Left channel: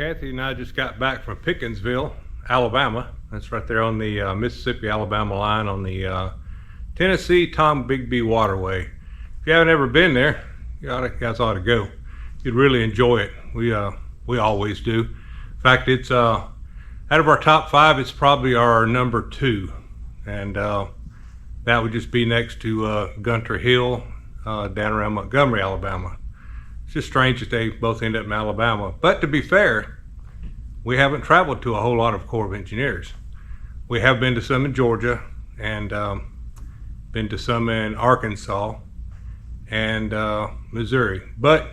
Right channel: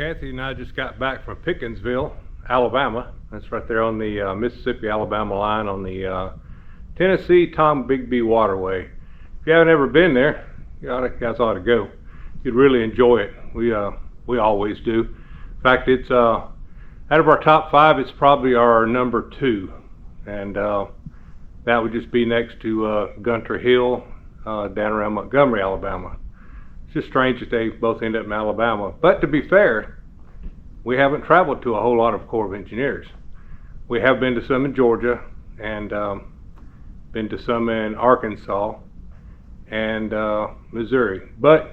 Kathy and I just got back from Pickinsville, Alabama. That's right there on the Mississippi-Alabama line on the Tennessee-Tom Bigby Waterway. If you haven't ever been there, you guys ought to go. You'd really enjoy it. We always do. In fact, it's out of our top 5, it's probably our number 2, and that would just be next to Gunter Hill down around Montgomery, Alabama. It's just strange that they both end up in Alabama. But to be fair, we haven't traveled to a whole lot of Corps of Engineers. We have been to some in Georgia and been to some in Arkansas and Missouri, but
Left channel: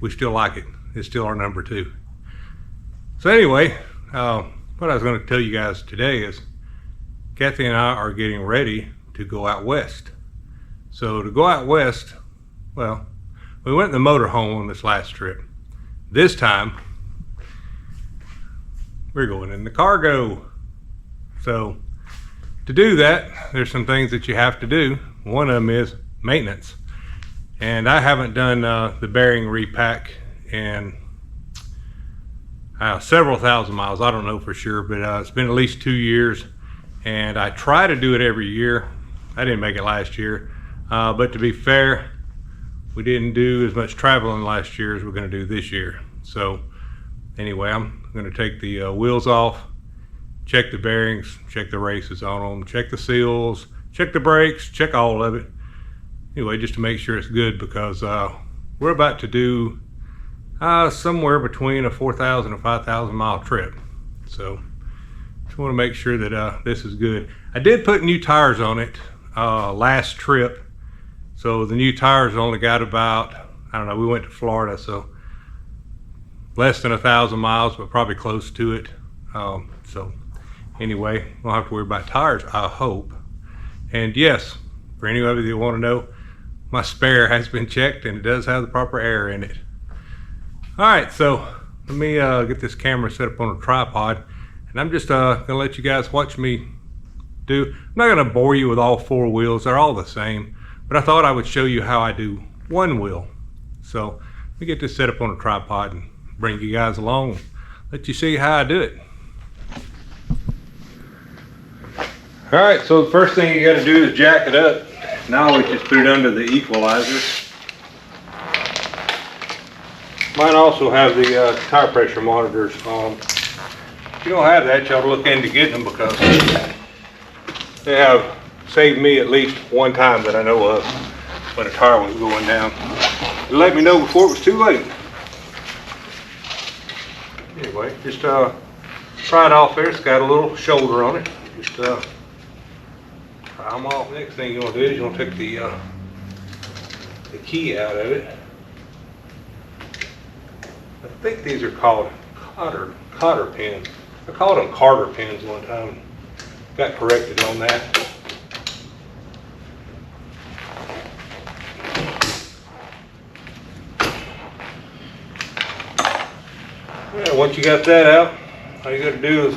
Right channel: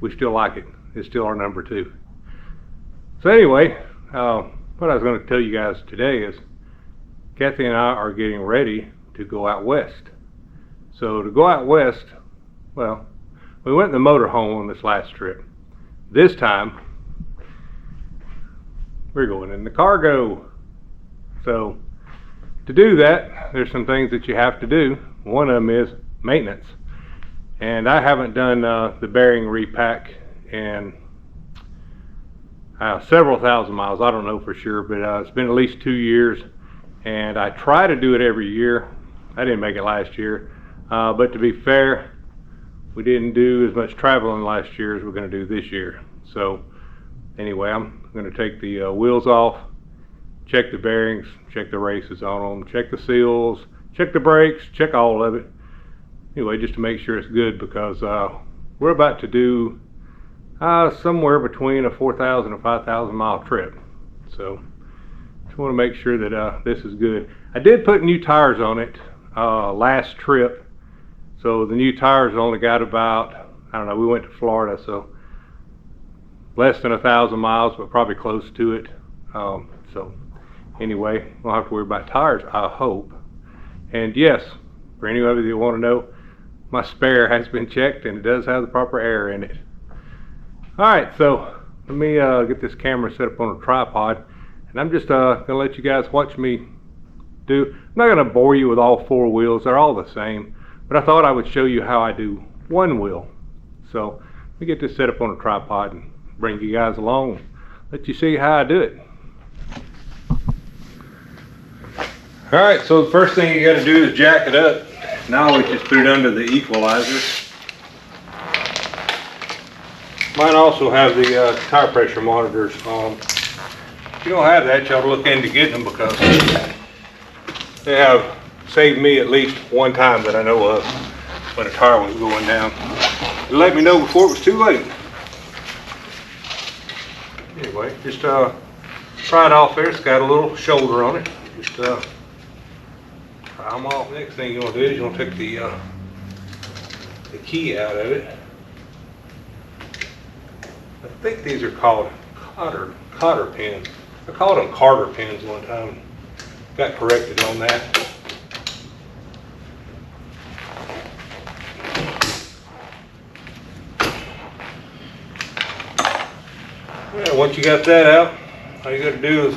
we still like it. It's still our number 2. So anyway, what I was going to tell you guys today is Kathy and I are getting ready to go out west. So to go out west, well, we went in the motorhome on this last trip. This time, we're going in the cargo. So to do that, there's some things that you have to do. One of them is maintenance. And I haven't done the bearing repack in several thousand miles. I don't know for sure, but it's been at least 2 years. And I try to do it every year. I didn't make it last year. But to be fair, we didn't do as much traveling last year as we're going to do this year. So anyway, I'm going to take the wheels off, check the bearings, check the races on them, check the seals, check the brakes, check all of it. Anyway, just to make sure it's good, because we're about to do somewhere between a 4,000 and 5,000 mile trip. So just want to make sure that this is good. I did put new tires on it last trip. So the new tires only got about, I don't know, we went to Florida, so less than 1,000 miles, but probably close to it. So anyway, we don't have to worry about tires, I hope. And yes, for any of you that want to know, my spare has been checked and it does have the proper air in it. All right, so let me get this camera set up on a tripod, and I'm just gonna let you guys watch me do. I'm not gonna bore you with all 4 wheels, they're all the same. But I thought I would show you how I do one wheel. So let me get this set up on a tripod and bring you guys along, let you see how I do it. All right, so the first thing you got to do is jack it up. Now we just put it under the equalizer. Mine also have the tire pressure monitors on. If you don't have that, you ought to look into getting them, because they have saved me at least one time that I know of when a tire was going down. It let me know before it was too late. Anyway, just pry it off there. It's got a little shoulder on it. Just pry them off. Next thing you want to do is you want to take the key out of it. I think these are called cotter pins. I called them Carter pins one time. Got corrected on that. Yeah, once you got that out, all you got to do is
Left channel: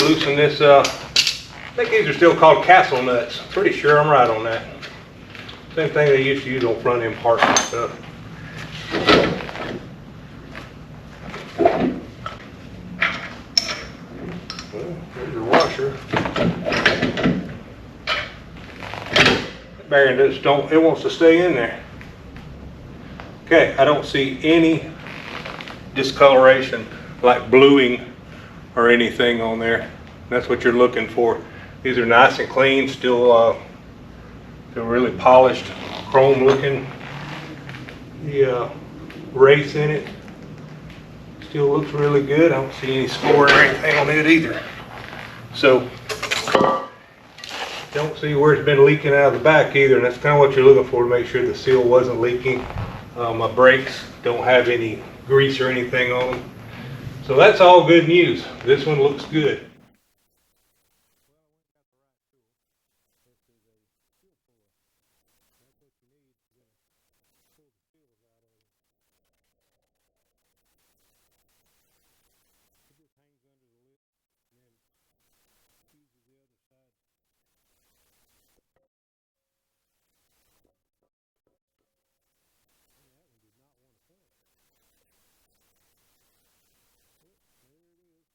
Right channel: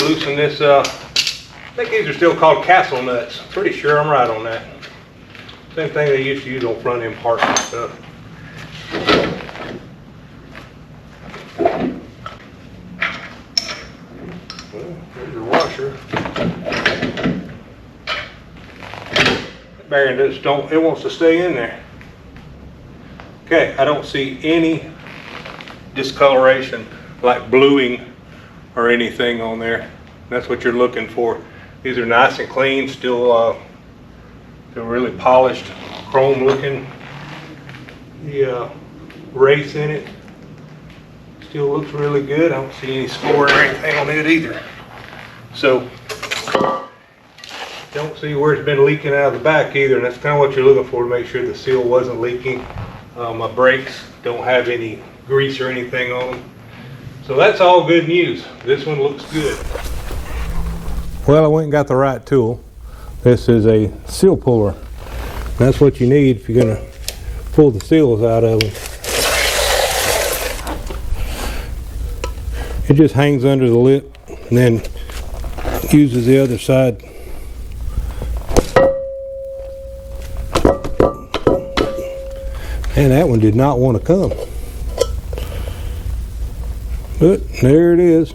loosen this. I think these are still called castle nuts. Pretty sure I'm right on that. Same thing they used to use on front end parts and stuff. Well, there's your washer. That bearing just it wants to stay in there. Okay, I don't see any discoloration like bluing or anything on there. That's what you're looking for. These are nice and clean, still they're really polished, chrome looking. The race in it still looks really good. I don't see any score or anything on it either. So don't see where it's been leaking out of the back either, and that's kind of what you're looking for to make sure the seal wasn't leaking. My brakes don't have any grease or anything on them. So that's all good news. This one looks good. Well, I went and got the right tool. This is a seal puller. That's what you need if you're going to pull the seals out of them. It just hangs under the lip and then uses the other side. And that one did not want to come. But there it is.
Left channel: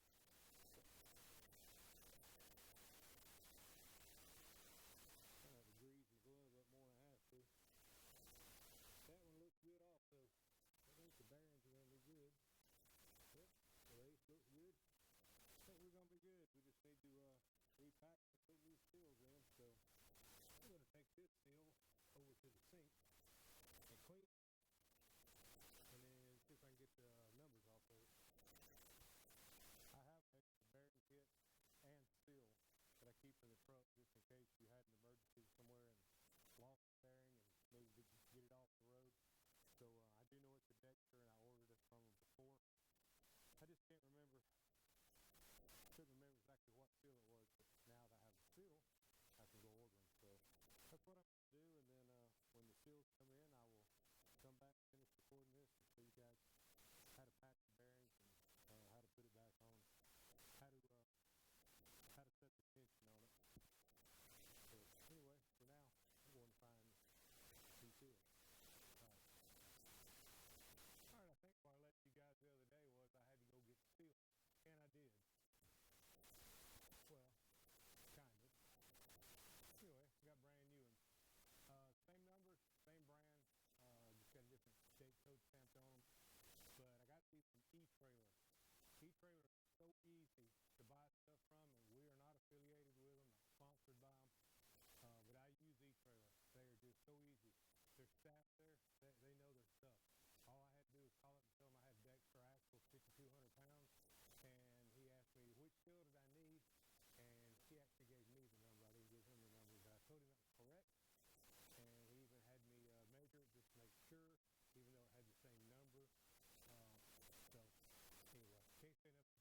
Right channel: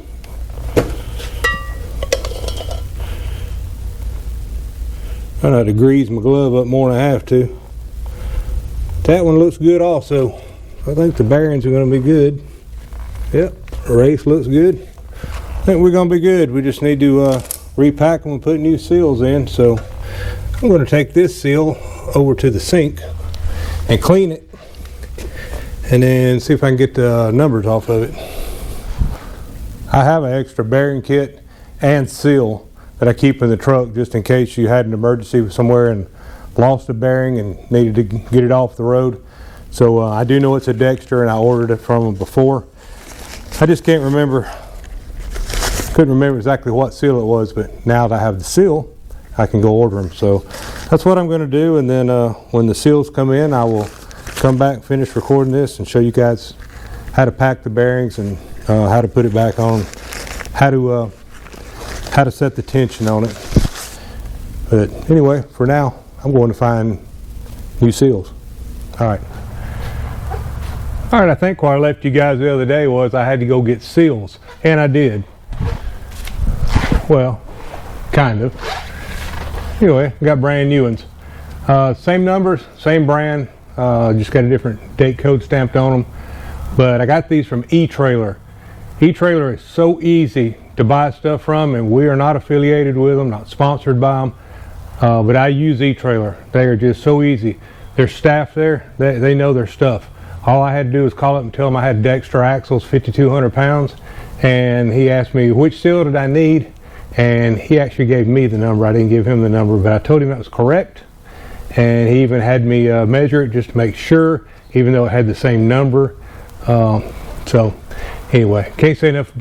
I know how to grease my glove up more than I have to. That one looks good also. I think the bearings are going to be good. Yep, the race looks good. I think we're going to be good. We just need to repack them and put new seals in. So I'm going to take this seal over to the sink and clean it, and then see if I can get the numbers off of it. I have an extra bearing kit and seal that I keep in the truck just in case you had an emergency somewhere and lost a bearing and needed to get it off the road. So I do know it's a Dexter, and I ordered it from them before. I just couldn't remember exactly what seal it was, but now that I have the seal, I can go order them. So that's what I'm going to do, and then when the seals come in, I will come back and finish recording this and show you guys how to pack the bearings and how to put it back on, how to set the tension on it. But anyway, for now, I'm going to find new seals. All right, I think what I left you guys the other day was I had to go get seals, and I did. Well, kind of. Anyway, got brand new ones. Same numbers, same brand, just got a different date code stamped on them. But I got these from E-Trailer. E-Trailer is so easy to buy stuff from, and we are not affiliated with them, not sponsored by them. But I use E-Trailer. They are just so easy. Their staff there, they know their stuff. All I had to do was call up and tell them I had Dexter axles, 5,200 pounds, and he asked me which seal did I need, and he actually gave me the number. I didn't give him the number, but I told him that was correct, and he even had me measure it just to make sure, even though it had the same number. So anyway, can't say enough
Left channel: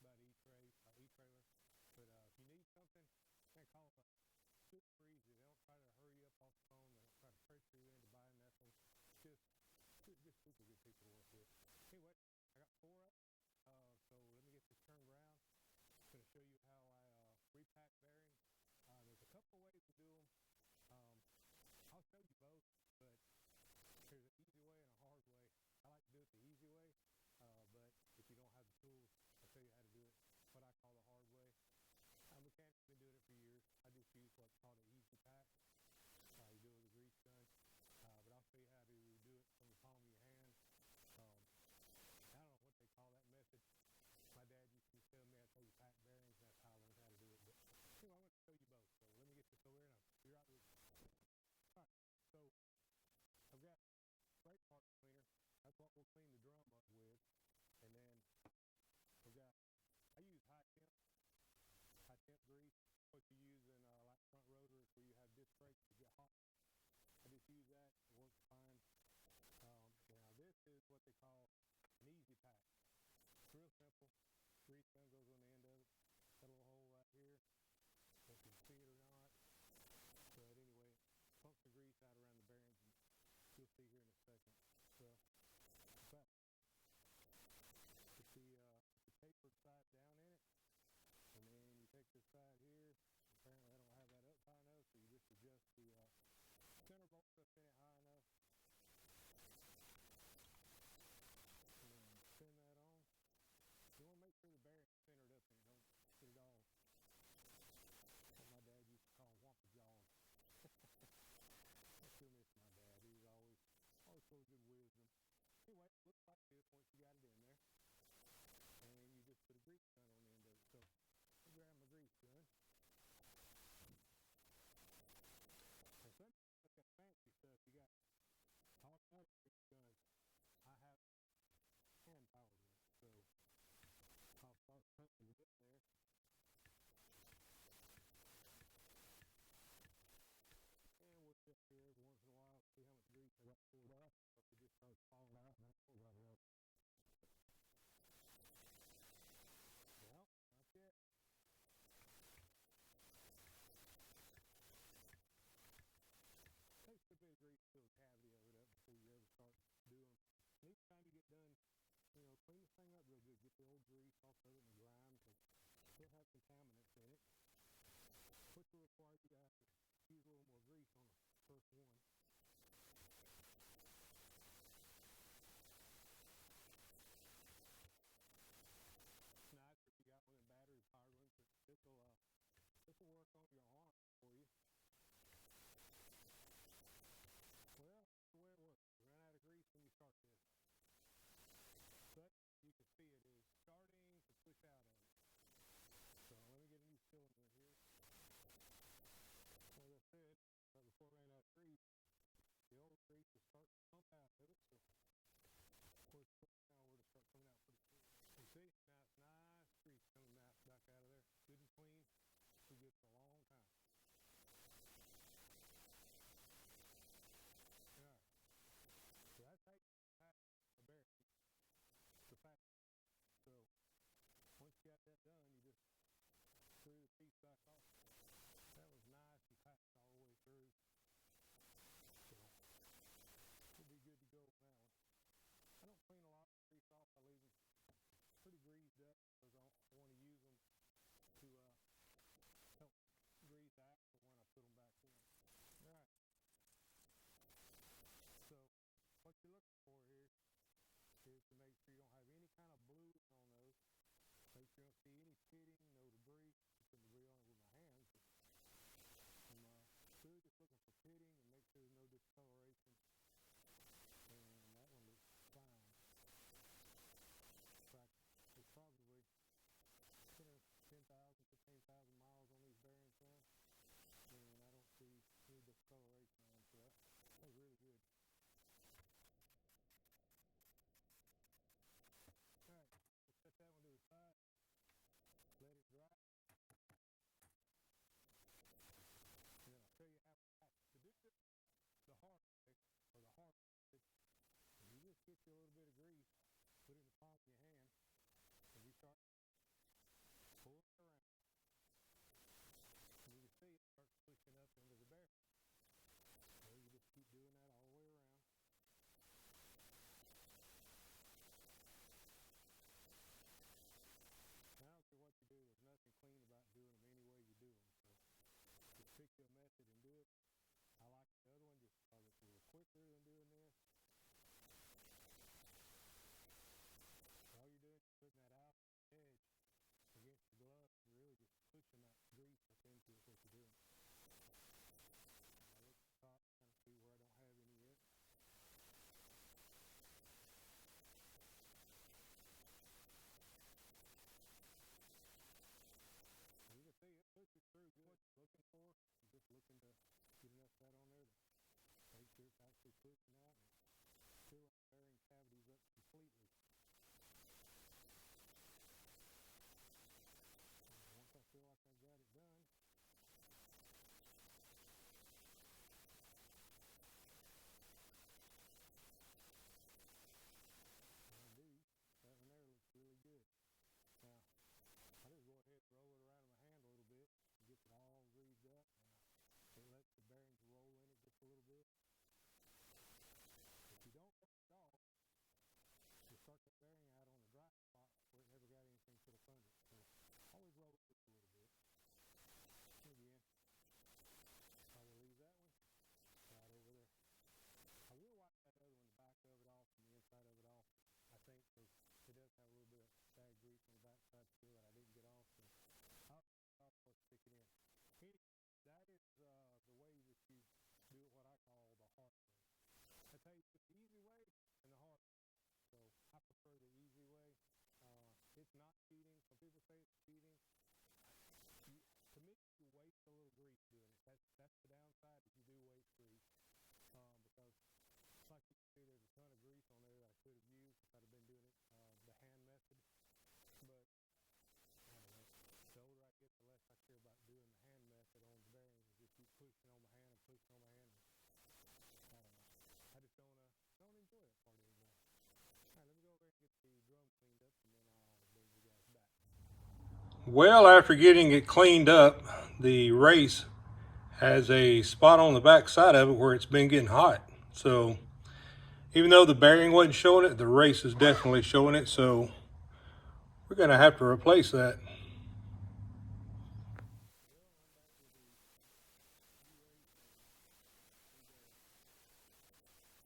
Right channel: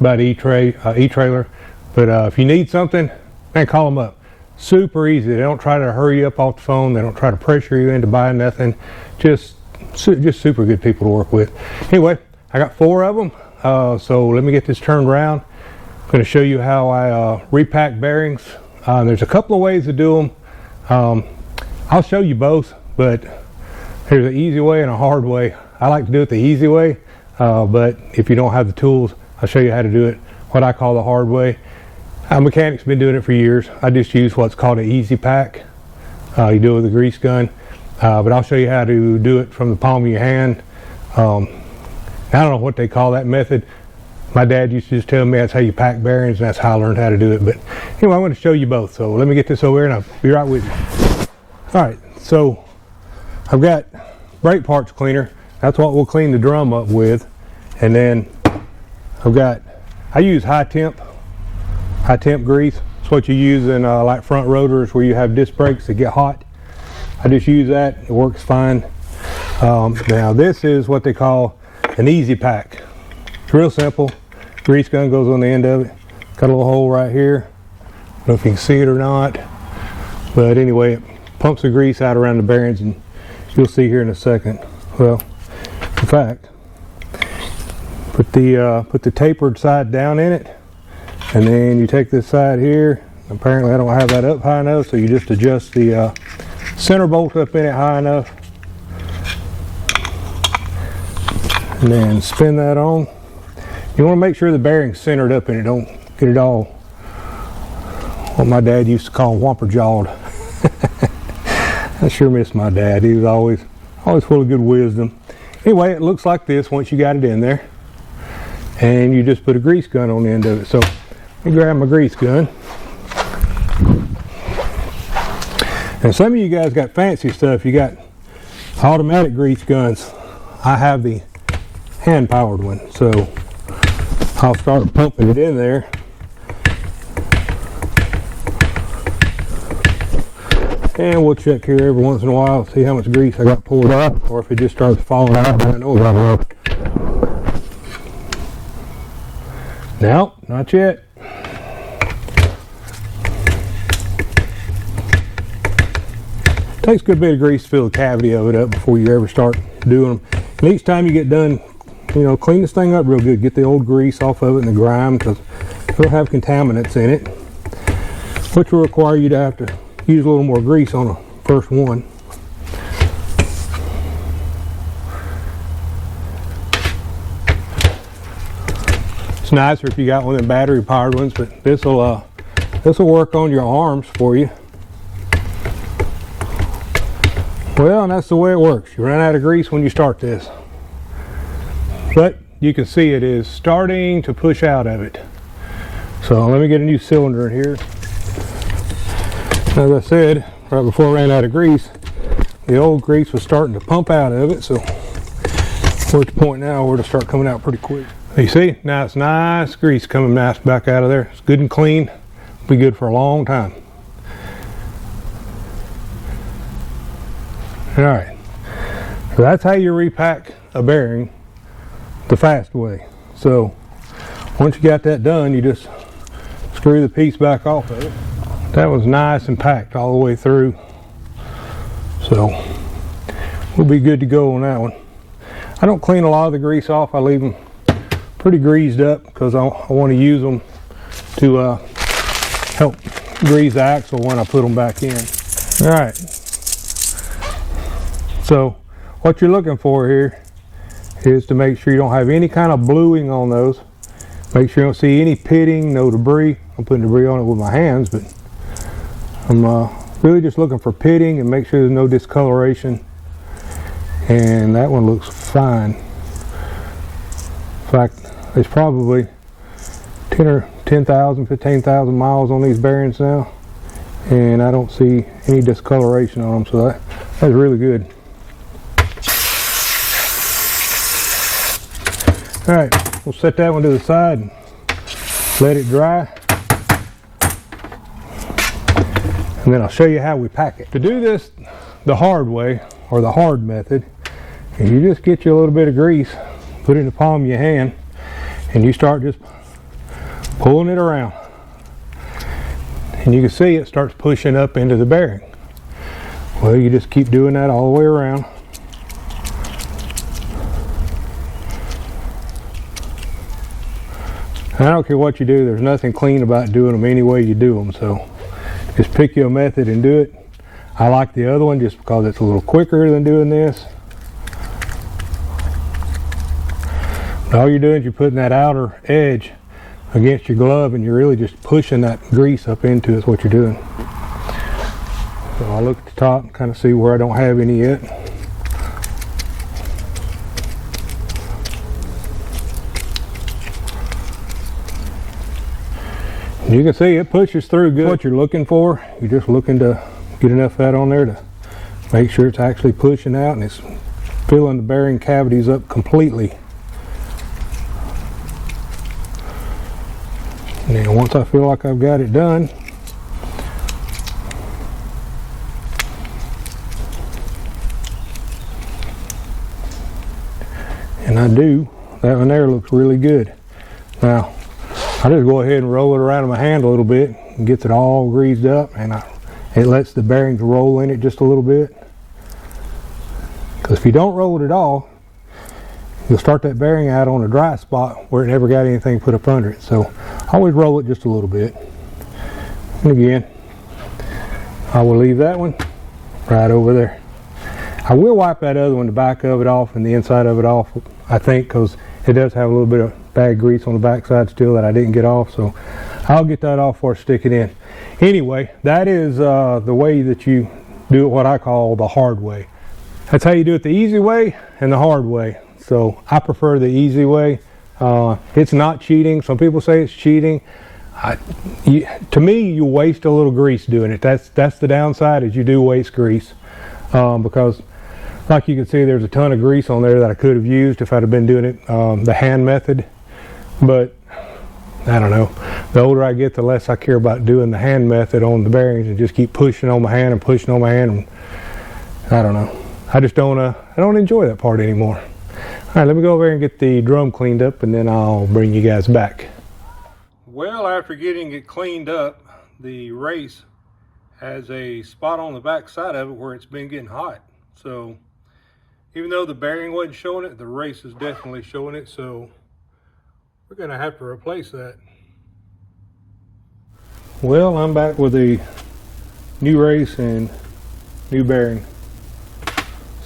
about E-Trailer, but if you need something, man, call them up. Super easy. They don't try to hurry you up off the phone. They don't try to pressure you into buying nothing. Just super good people to work with. Anyway, I got 4 of them, so let me get this turned around. I'm going to show you how I repack bearings. There's a couple of ways to do them. I'll show you both, but there's an easy way and a hard way. I like to do it the easy way, but if you don't have the tools, I'll show you how to do it what I call the hard way. A mechanic's been doing it for years. I just use what's called an easy pack. You do it with a grease gun, but I'll show you how to do it from the palm of your hand. I don't know what they call that method. My dad used to just tell me that's how you pack bearings, and that's how I learned how to do it. But anyway, I'm going to show you both. So let me get this over here, and I'll be right with you. All right, so I've got brake parts cleaner. That's what we'll clean the drum up with. And then I use high temp grease. It's what you use in like front rotors where you have disc brakes that get hot. I just use that. It works fine. Now this is what they call an easy pack. It's real simple. Grease gun goes on the end of it. Got a little hole right here. I don't know if you can see it or not, but anyway, it pumps the grease out around the bearings, and you'll see here in a second. Well, in fact, put the tapered side down in it, and then you take this side here. Apparently I don't have that up high enough, so you just adjust the center bolt up in it high enough, and then spin that on. You want to make sure the bearing's centered up in it. Don't get it all what my dad used to call whomper jawed. I sure miss my dad. He was always full of good wisdom. Anyway, it looks like this once you got it in there, and you just put a grease gun on the end of it. So let me grab my grease gun. And some of you guys got fancy stuff. You got automatic grease guns. I have the hand powered one, so I'll start pumping it in there. And we'll check here every once in a while, see how much grease I got poured off, or if it just starts falling out, then I know it's enough. No, not yet. Takes a good bit of grease to fill the cavity of it up before you ever start doing them. And each time you get done, clean this thing up real good. Get the old grease off of it and the grime, because it'll have contaminants in it, which will require you to have to use a little more grease on the first one. nicer if you got one of them battery powered ones, but this will work on your arms for you. Well, and that's the way it works. You run out of grease when you start this. But you can see it is starting to push out of it. So let me get a new cylinder in here. As I said, right before I ran out of grease, the old grease was starting to pump out of it. So we're at the point now where it'll start coming out pretty quick. You see, now it's nice grease coming nice back out of there. It's good and clean. Be good for a long time. All right, so that's how you repack a bearing the fast way. So once you got that done, you just screw the piece back off of it. That was nice and packed all the way through. So we'll be good to go on that one. I don't clean a lot of the grease off. I leave them pretty greased up because I want to use them to help grease the axle when I put them back in. All right. So what you're looking for here is to make sure you don't have any kind of bluing on those. Make sure you don't see any pitting, no debris. I'm putting debris on it with my hands, but I'm really just looking for pitting and make sure there's no discoloration. And that one looks fine. In fact, there's probably 10,000, 15,000 miles on these bearings now, and I don't see any discoloration on them, so that's really good. All right, we'll set that one to the side and let it dry. And then I'll show you how we pack it. To do this the hard way, or the hard method, is you just get you a little bit of grease, put it in the palm of your hand, and you start just pulling it around. And you can see it starts pushing up into the bearing. Well, you just keep doing that all the way around. I don't care what you do, there's nothing clean about doing them any way you do them, so just pick your method and do it. I like the other one just because it's a little quicker than doing this. But all you're doing is you're putting that outer edge against your glove and you're really just pushing that grease up into it is what you're doing. So I'll look at the top and kind of see where I don't have any yet. You can see it pushes through good. What you're looking for, you're just looking to get enough of that on there to make sure it's actually pushing out and it's filling the bearing cavities up completely. And then once I feel like I've got it done, and I do, that one there looks really good. Now, I just go ahead and roll it around in my hand a little bit and gets it all greased up, and it lets the bearings roll in it just a little bit. Because if you don't roll it at all, you'll start that bearing out on a dry spot where it never got anything put up under it. So I always roll it just a little bit. And again, I will leave that one right over there. I will wipe that other one, the back of it off and the inside of it off, I think, because it does have a little bit of bad grease on the back side still that I didn't get off. So I'll get that off before I stick it in. Anyway, that is the way that you do it, what I call the hard way. That's how you do it, the easy way and the hard way. So I prefer the easy way. It's not cheating. Some people say it's cheating. To me, you waste a little grease doing it. That's the downside, is you do waste grease. Because like you can see, there's a ton of grease on there that I could have used if I'd have been doing it the hand method. But I don't know. The older I get, the less I care about doing the hand method on the bearings and just keep pushing on my hand and pushing on my hand. And I don't know. I just don't. I don't enjoy that part anymore. All right, let me go over here and get the drum cleaned up, and then I'll bring you guys back. Well, after getting it cleaned up, the race has a spot on the back side of it where it's been getting hot. So even though the bearing wasn't showing it, the race is definitely showing it. So we're gonna have to replace that. Well, I'm back with a new race and new bearing.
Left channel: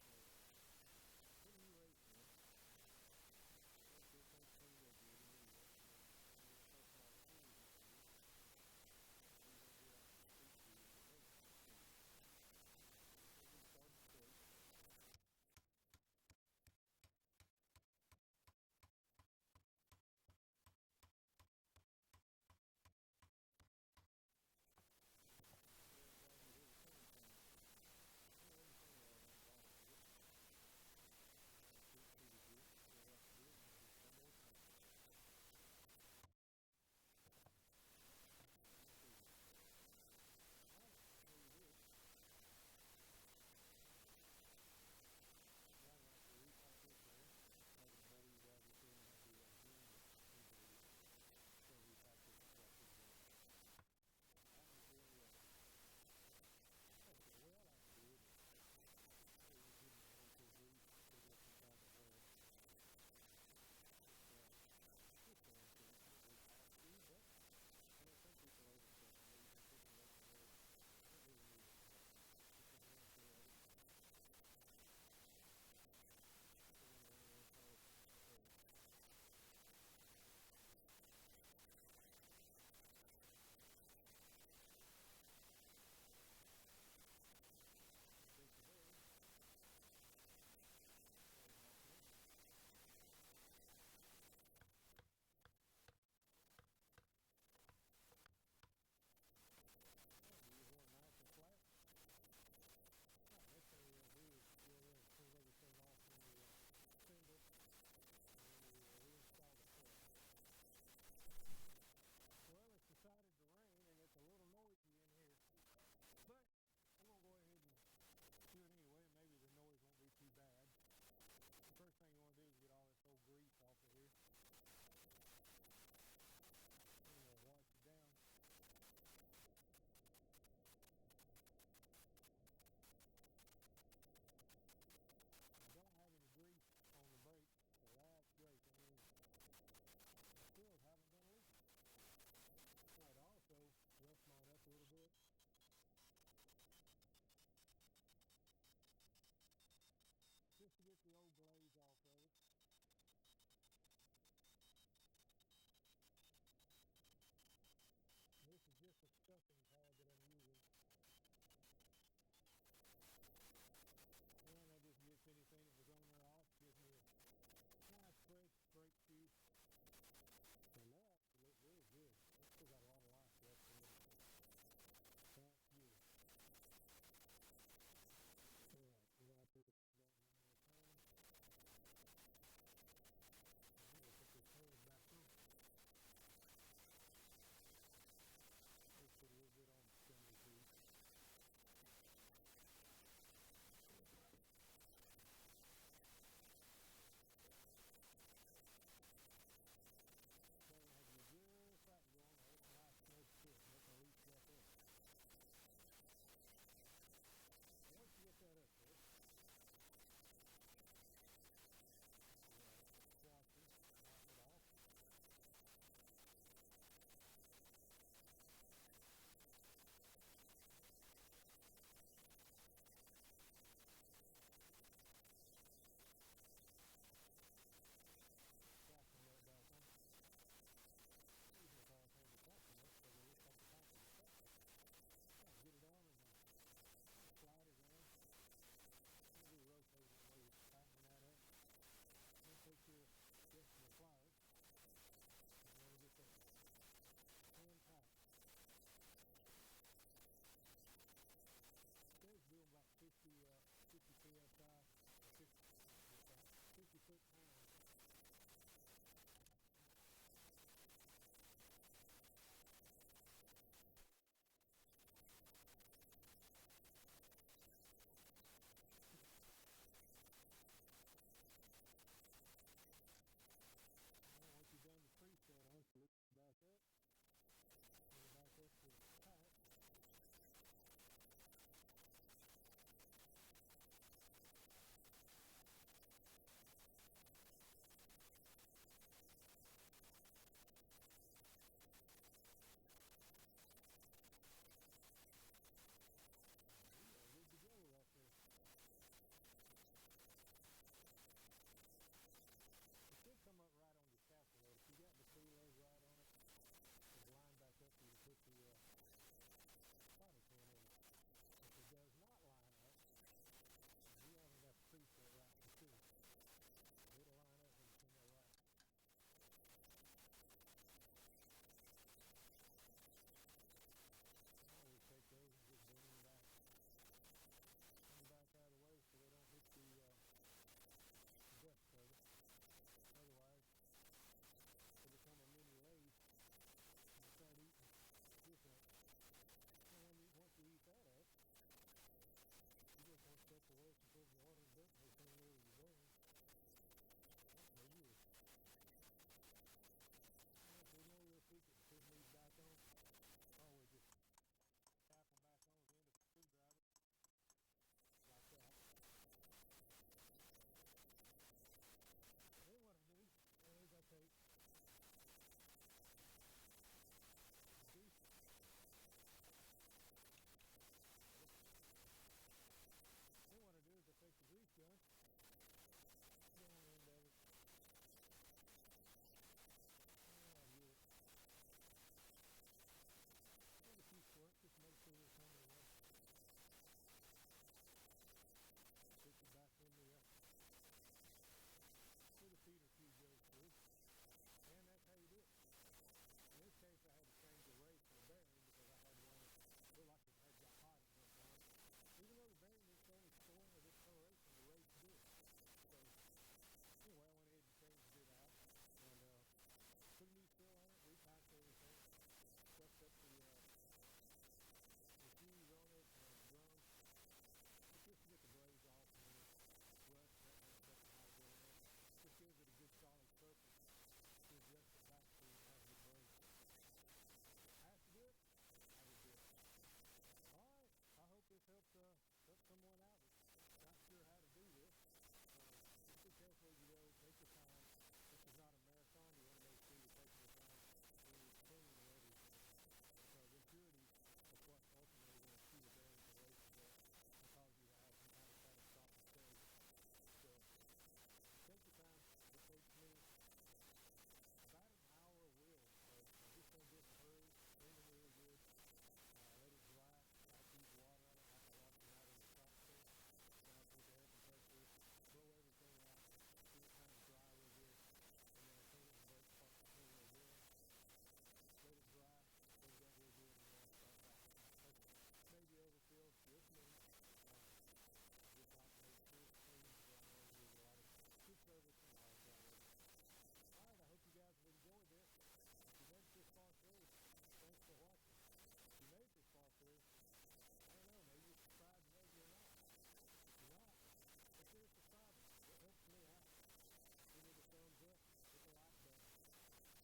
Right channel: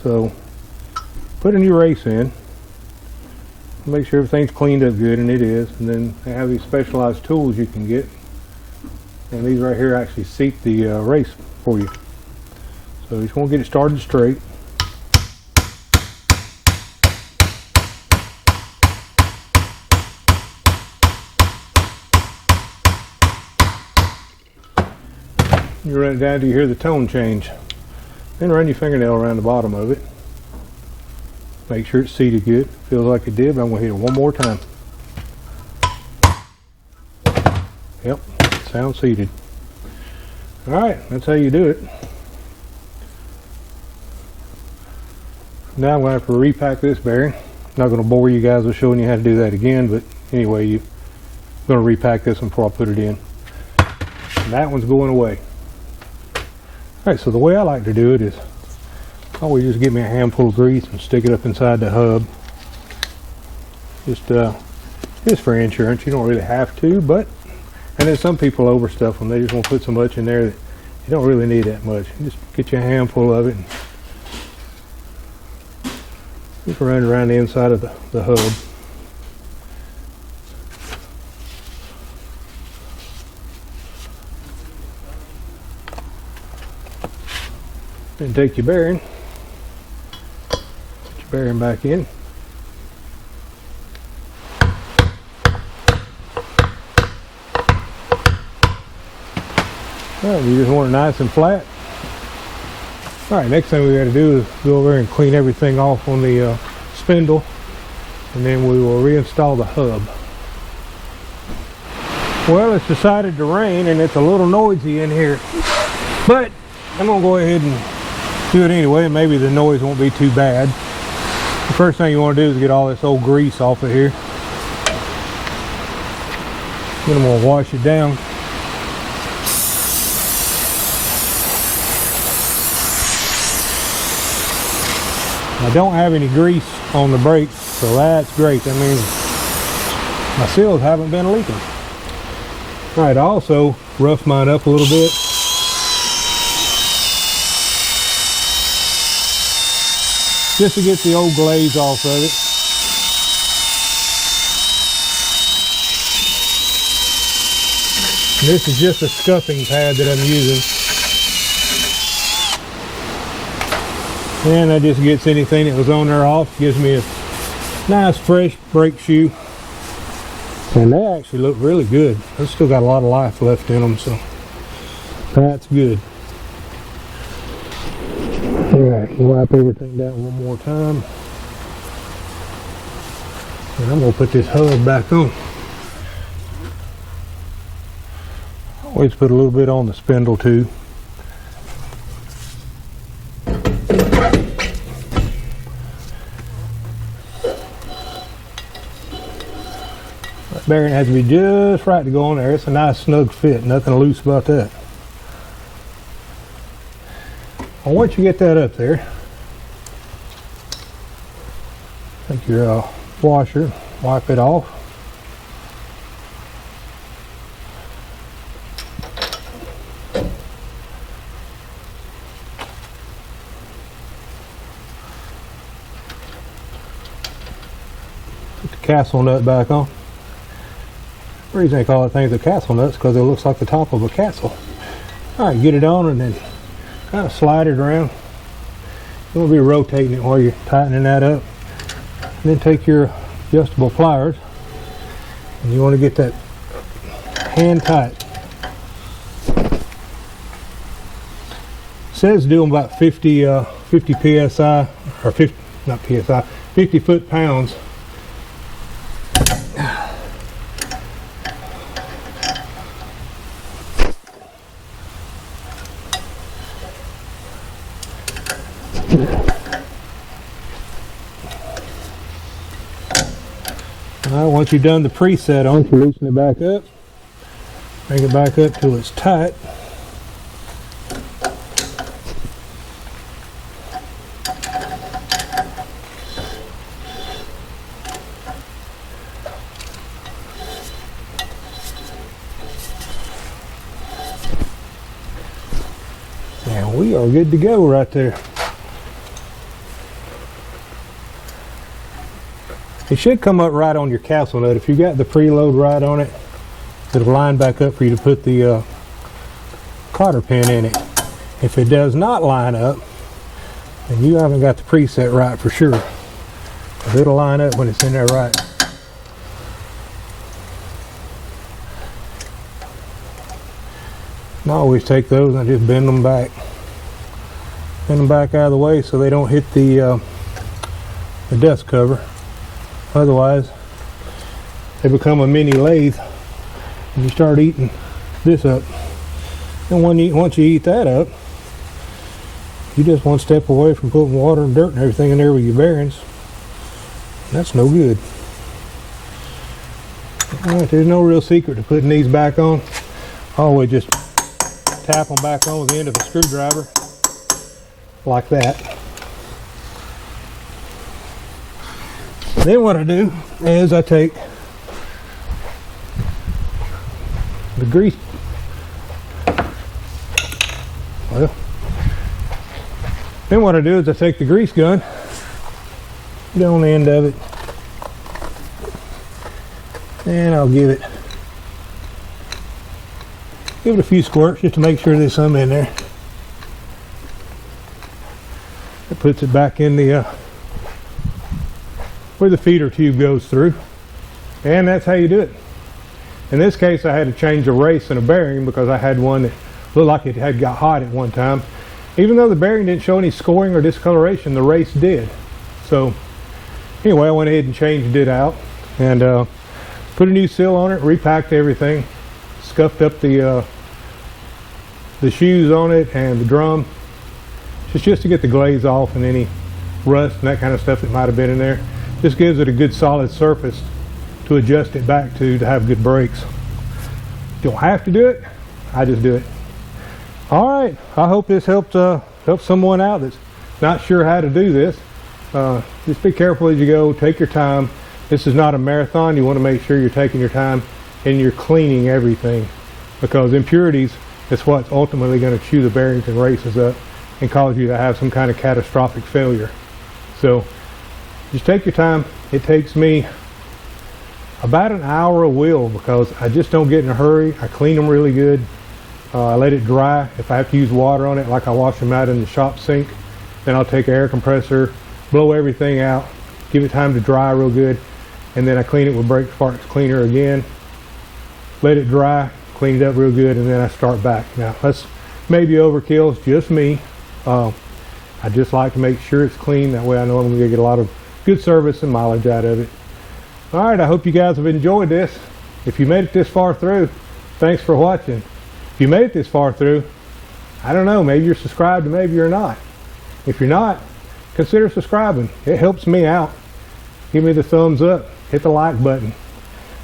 So put a new race in. Make sure everything's cleaned up good, and it is. And then they have these specialized tools you can get, and these right here actually seat the race for you. So you just want to get it started straight. You run it down till you hear the tone change. Then run your fingernail around the bottom of it. Make sure it's seated good. Feels like it did, but I'm going to hit it one more time. Yep, sounds seated. Alright, that's how you do it. Now I'm going to have to repack this bearing. Not going to bore you guys with showing you how to do that again, but anyway, I'm going to repack this one before I put it in. And that one's going away. Alright, so the way I like to do it is I always just get me a handful of grease and stick it up inside the hub. Just for insurance. You don't really have to, but and then some people overstuff them. They just want to put so much in there that you don't really need that much. Just get you a handful of it and just run it around the inside of the hub. Then take your bearing, put your bearing back in. Alright, you just want it nice and flat. Alright, next thing we got to do is go over and clean everything off on the spindle, and then we will reinstall the hub. Well, it's decided to rain and it's a little noisy in here, but I'm going to go ahead and do it anyway, and maybe the noise won't be too bad. The first thing you want to do is get all this old grease off of here. Then I'm going to wash it down. I don't have any grease on the brakes, so that's great. That means my seals haven't been leaking. Alright, I also roughed mine up a little bit. Just to get the old glaze off of it. And this is just a scuffing pad that I'm using. And that just gets anything that was on there off. Gives me a nice fresh brake shoe. And they actually look really good. They've still got a lot of life left in them, so that's good. Alright, wipe everything down one more time. And I'm going to put this hub back on. Always put a little bit on the spindle too. That bearing has to be just right to go on there. It's a nice snug fit, nothing loose about that. Well, once you get that up there, take your washer, wipe it off. Put the castle nut back on. The reason they call it things a castle nuts because it looks like the top of a castle. Alright, get it on and then kind of slide it around. You want to be rotating it while you're tightening that up. And then take your adjustable pliers and you want to get that hand tight. It says do them about 50 psi, or 50, not psi, 50 foot-pounds. Once you've done the preset on, you loosen it back up, bring it back up till it's tight. And we are good to go right there. It should come up right on your castle nut. If you got the preload right on it, it'll line back up for you to put the cotter pin in it. If it does not line up, then you haven't got the preset right for sure. But it'll line up when it's in there right. And I always take those and I just bend them back. Bend them back out of the way so they don't hit the dust cover. Otherwise, they become a mini lathe and you start eating this up. And once you eat that up, you just one step away from putting water and dirt and everything in there with your bearings. That's no good. Alright, there's no real secret to putting these back on. Always just tap them back on with the end of a screwdriver, like that. Then what I do is I take the grease. Well, then what I do is I take the grease gun, get on the end of it, and I'll give it a few squirts just to make sure there's some in there. It puts it back in the where the feeder tube goes through, and that's how you do it. In this case, I had to change a race and a bearing because I had one that looked like it had got hot at one time. Even though the bearing didn't show any scoring or discoloration, the race did. So anyway, I went ahead and changed it out and put a new seal on it, repacked everything, scuffed up the shoes on it and the drum, just to get the glaze off and any rust and that kind of stuff that might have been in there. Just gives it a good solid surface to adjust it back to have good brakes. You don't have to do it, I just do it. All right, I hope this helped someone out that's not sure how to do this. Just be careful as you go, take your time. This is not a marathon. You want to make sure you're taking your time and you're cleaning everything, because impurities is what's ultimately going to chew the bearings and races up and cause you to have some kind of catastrophic failure. So just take your time. It takes me about an hour a wheel because I just don't get in a hurry. I clean them really good. I let it dry. If I have to use water on it, like I wash them out in the shop sink, then I'll take an air compressor, blow everything out, give it time to dry real good, and then I clean it with brake sparks cleaner again, let it dry, clean it up real good, and then I start back. Now that's maybe overkill, it's just me. I just like to make sure it's clean, that way I know I'm going to get a lot of good service and mileage out of it. Alright, I hope you guys have enjoyed this. If you made it this far through, thanks for watching. If you made it this far through, I don't know, maybe you're subscribed and maybe you're not. If you're not, consider subscribing. It helps me out. Give me the thumbs up, hit the like button.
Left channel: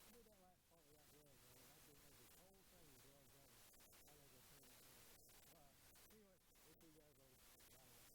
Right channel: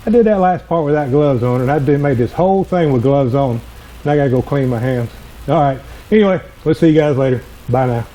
I did that last part without gloves on, and I made this whole thing with gloves on. Now I gotta go clean my hands. Alright, anyway, we'll see you guys later. Bye now.